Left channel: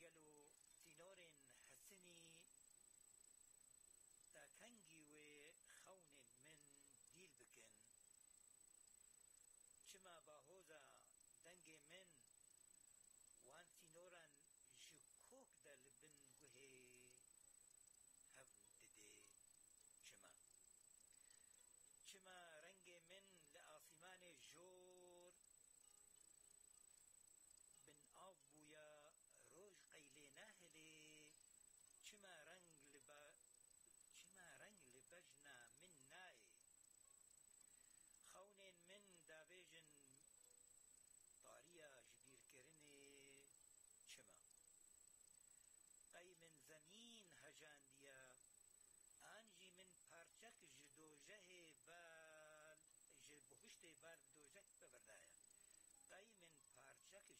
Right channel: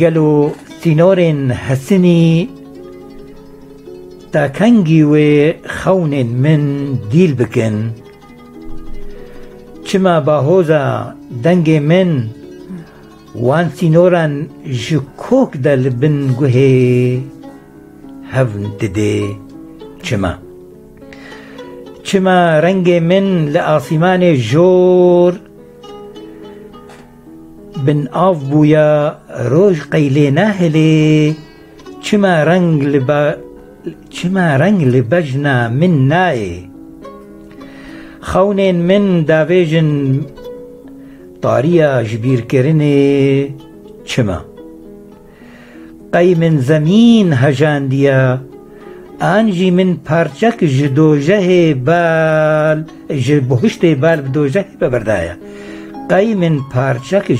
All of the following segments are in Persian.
گلو سینورن حسنی تا کنگی و خون من دیل بکن چما باهوزا دنگ من وان سینوران جکوک دل بن گوه هفن دده چما رنگ من لآسمان جور بن آف بویا روش قیله نهله چما رنگ لبجنا من نائه خونین من داویجن طاریا جبیر کرنه چما قی من زمین هجاندیا آنجی من پارچک جدوجه بال بهشت بال بدوجه ببردایا قی من پارچک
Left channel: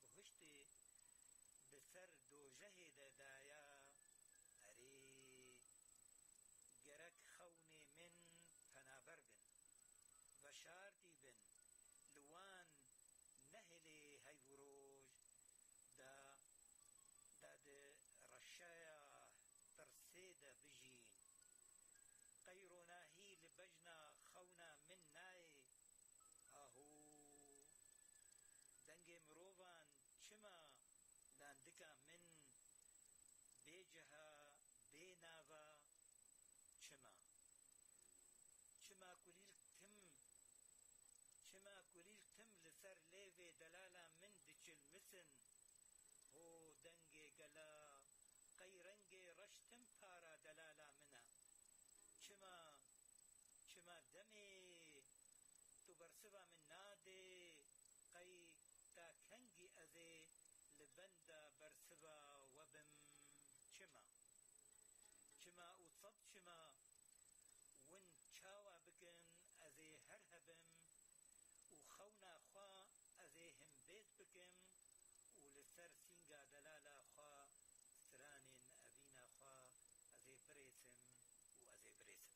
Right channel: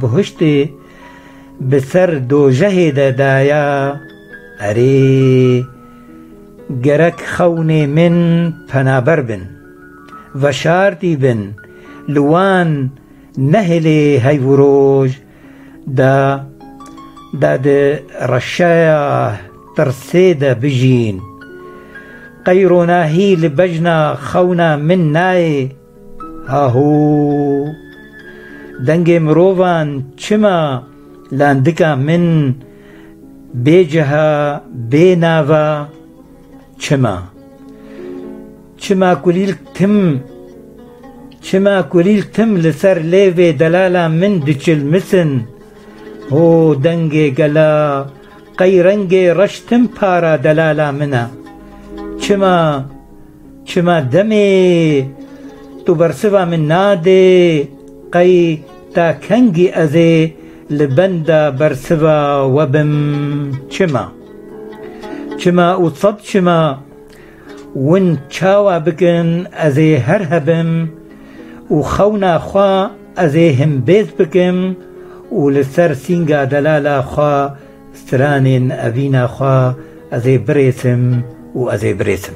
بهشت بسر دوجه دایا اره گرک خون من پنابر بن و شارتی بن لوان نهلی هیوروج دا رشايا ترسيدة بجين قيروناهي لبجنا خونا من ناي هاهو دنگ مروفان چما لاندكا من بيجها بيناوا چما كليل تم لسر ليوي دلالا من دچل مسن هو دنگ گلا قی رنگ رشتم پارا دلالا منا چما دمی تو برسوا من ناده قی تا کنگی ازه لبندا برسوا وبم چما اتصد چما ون چاوا بکن ازه هر هبم و خونا خوا ازه هم بیز بکم و لسر سینگا دلالا خوا سترانين أبينا خوا أزي بريسم وأزي بريسم